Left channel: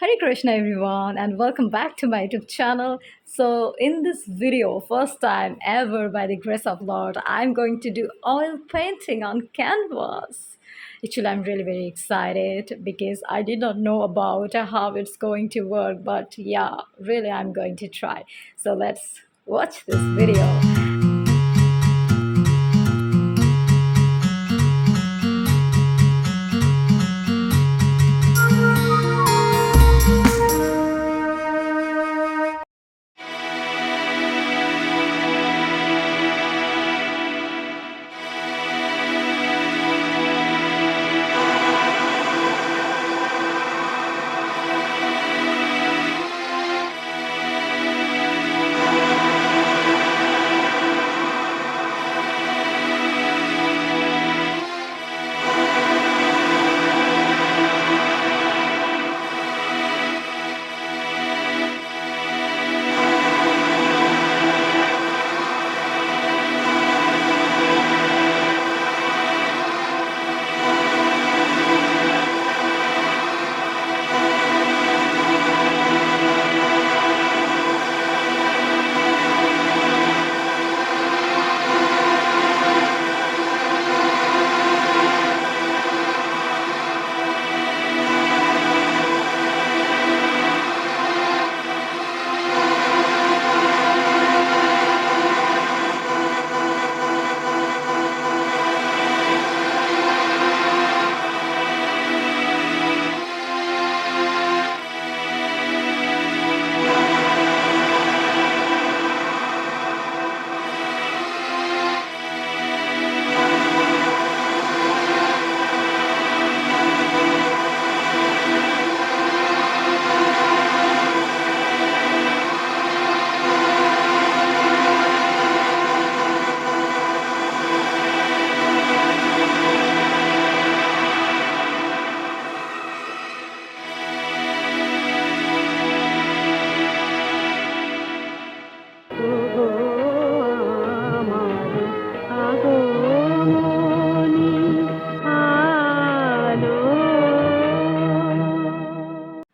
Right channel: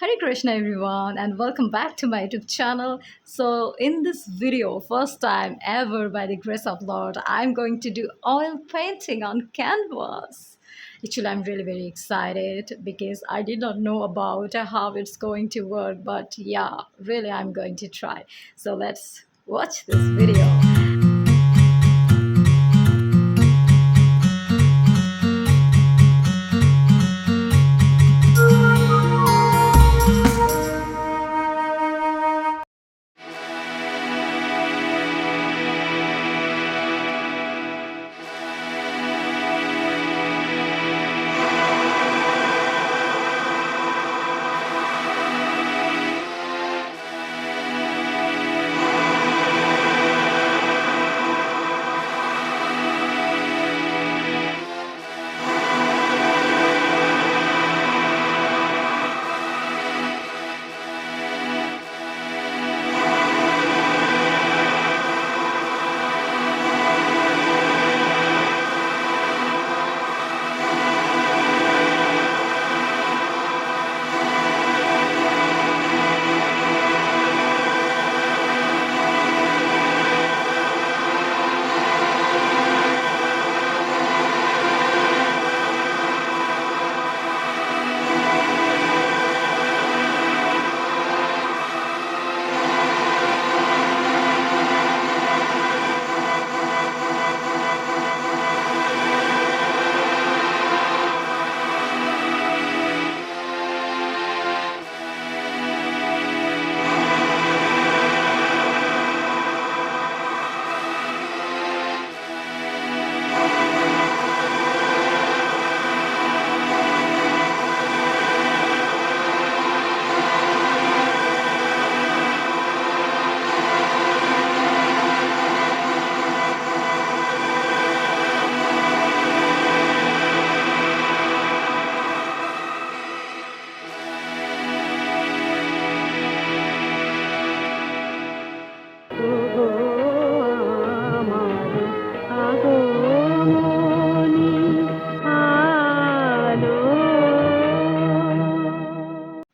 Hare Krishna everyone and welcome back to my YouTube channel. So in this video, first time ever by the grace of Lord, I'm going to do oil painting on canvas. Actually, I'm really very excited because I did not know about how it's going to work, but yeah, really I'm going to try. So let's watch this video.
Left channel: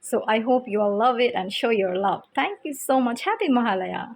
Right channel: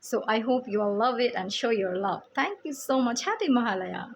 So I hope you all love it and show your love. Thank you so much. Happy Mahalaya.